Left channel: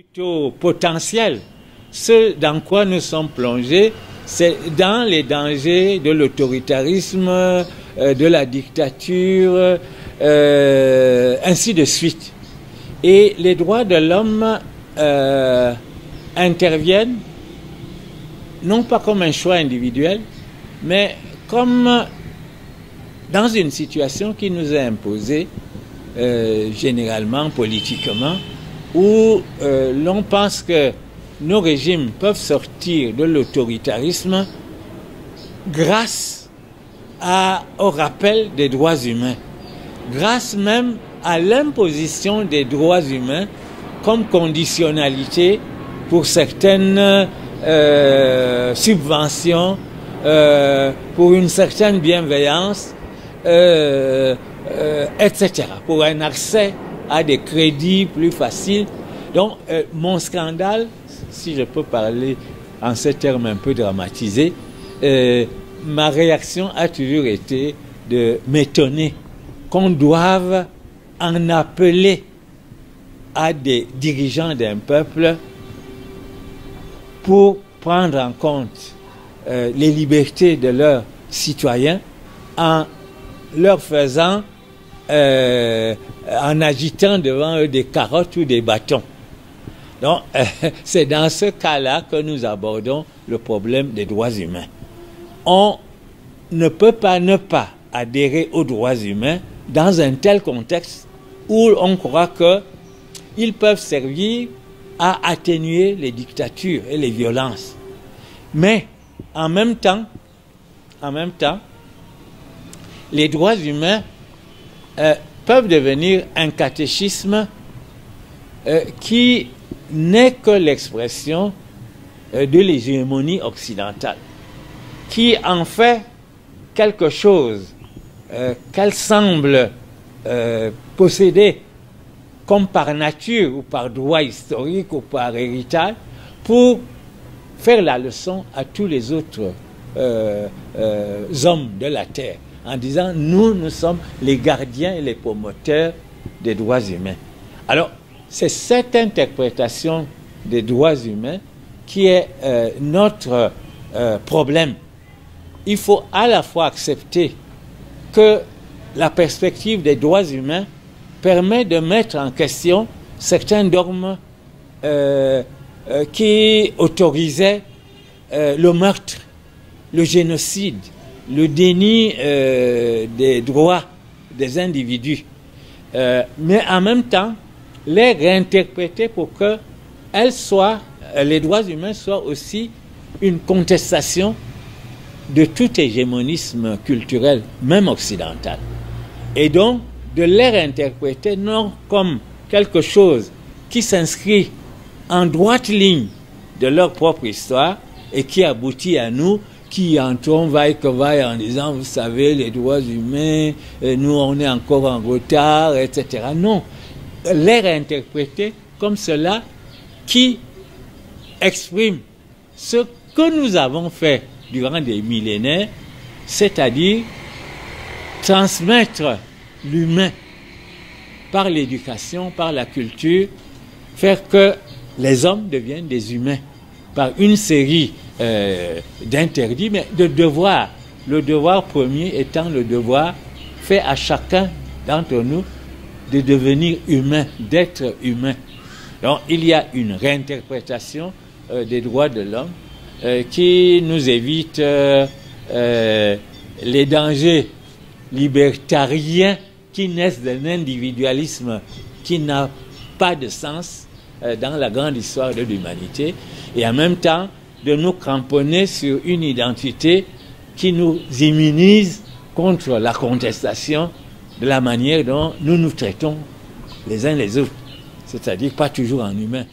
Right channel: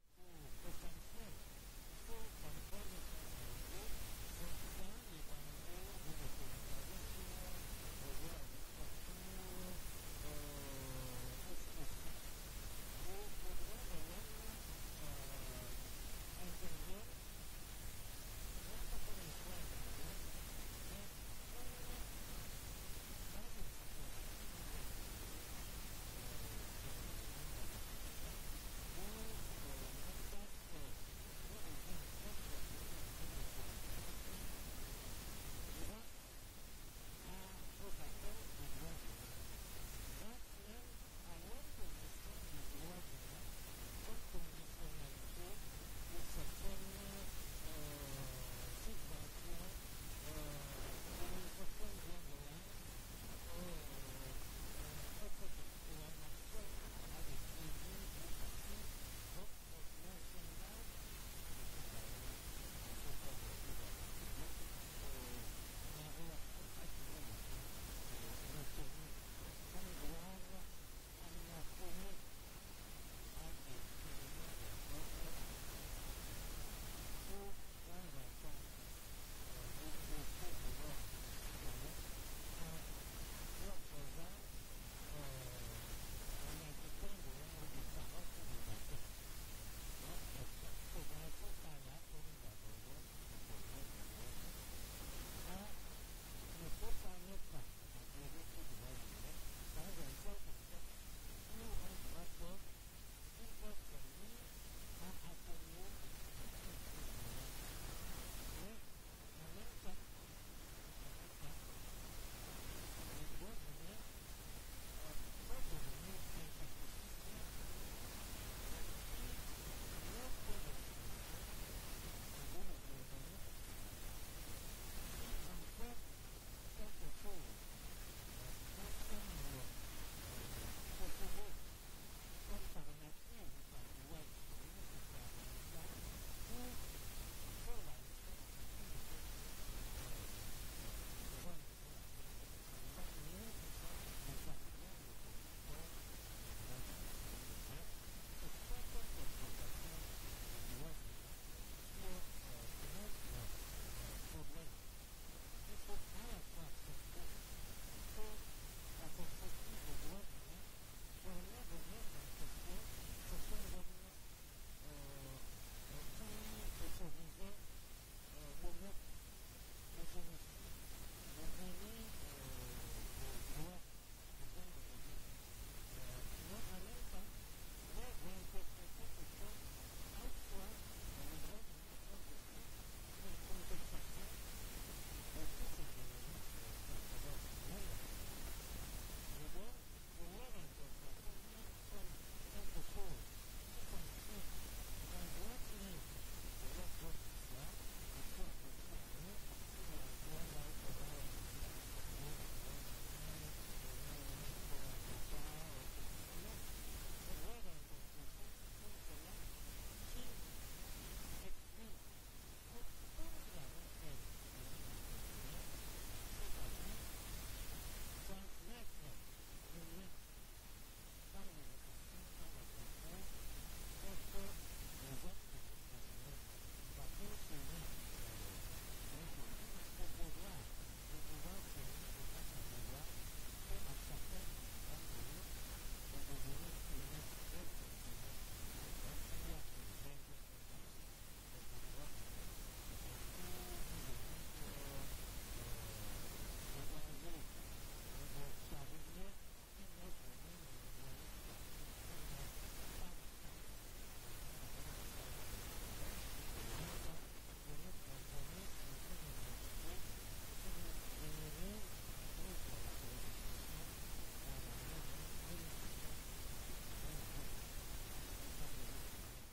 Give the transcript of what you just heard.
Plutôt potentiel. Ce dans quoi nous sommes plongés, c'est dans les dangers de l'autoritarisme, de la dictature, ainsi de suite. Et les droits de l'homme interviennent non pas comme un choix individuel, mais comme dans une situation qui nous est imposée, généralement, politiquement, où l'on pense que nos régimes peuvent sortir de l'autoritarisme grâce au rappel des droits humains, grâce même à l'imposition des droits humains comme conditionnalité pour certaines subventions, pour une certaine bienveillance, etc., pour un accès à des crédits plus faciles. Donc, mon scandale, si je peux parler en ces termes un peu dramatisés, ma réaction a toujours été de m'étonner qu'on doive en appeler à des dirigeants d'un peuple pour prendre en compte les libertés de leurs citoyens en leur faisant, en agitant devant eux des carottes ou des bâtons. Donc, c'est dans ce cas-là que nous abordons le problème des droits humains. On ne peut pas ne pas adhérer aux droits humains dans un tel contexte où on croit qu'ils peuvent servir à atténuer les dictatures et les violences. Mais, en même temps, les droits humains peuvent devenir un catéchisme qui n'est que l'expression de l'hégémonie occidentale, qui en fait quelque chose qu'elle semble posséder comme par nature ou par droit historique ou par héritage, pour faire la leçon à tous les autres hommes de la terre, en disant nous sommes les gardiens et les promoteurs des droits humains. Alors, c'est cette interprétation des droits humains qui est notre problème. Il faut à la fois accepter que la perspective des droits humains permet de mettre en question certains dogmes qui autorisaient le meurtre, le génocide, le déni des droits des individus, mais en même temps les réinterpréter pour que les droits humains soient aussi une contestation de tout hégémonisme culturel, même occidental. Et donc, de les réinterpréter non comme quelque chose qui s'inscrit en droite ligne de leur propre histoire et qui aboutit à nous, qui entrons vaille que vaille en disant, vous savez, les droits humains, nous on est encore en retard, etc. Non, les réinterpréter comme cela qui exprime ce que nous avons fait durant des millénaires, c'est-à-dire transmettre l'humain par l'éducation, par la culture, faire que les hommes deviennent des humains par une série d'interdits, mais de devoirs. Le devoir premier étant le devoir fait à chacun d'entre nous de devenir humain, d'être humain. Donc il y a une réinterprétation des droits de l'homme qui nous évite les dangers libertariens qui naissent d'un individualisme qui n'a pas de sens dans la grande histoire de l'humanité, et en même temps de nous cramponner sur une identité qui nous immunise contre la contestation de la manière dont nous nous traitons les uns les autres, c'est-à-dire pas toujours en humain.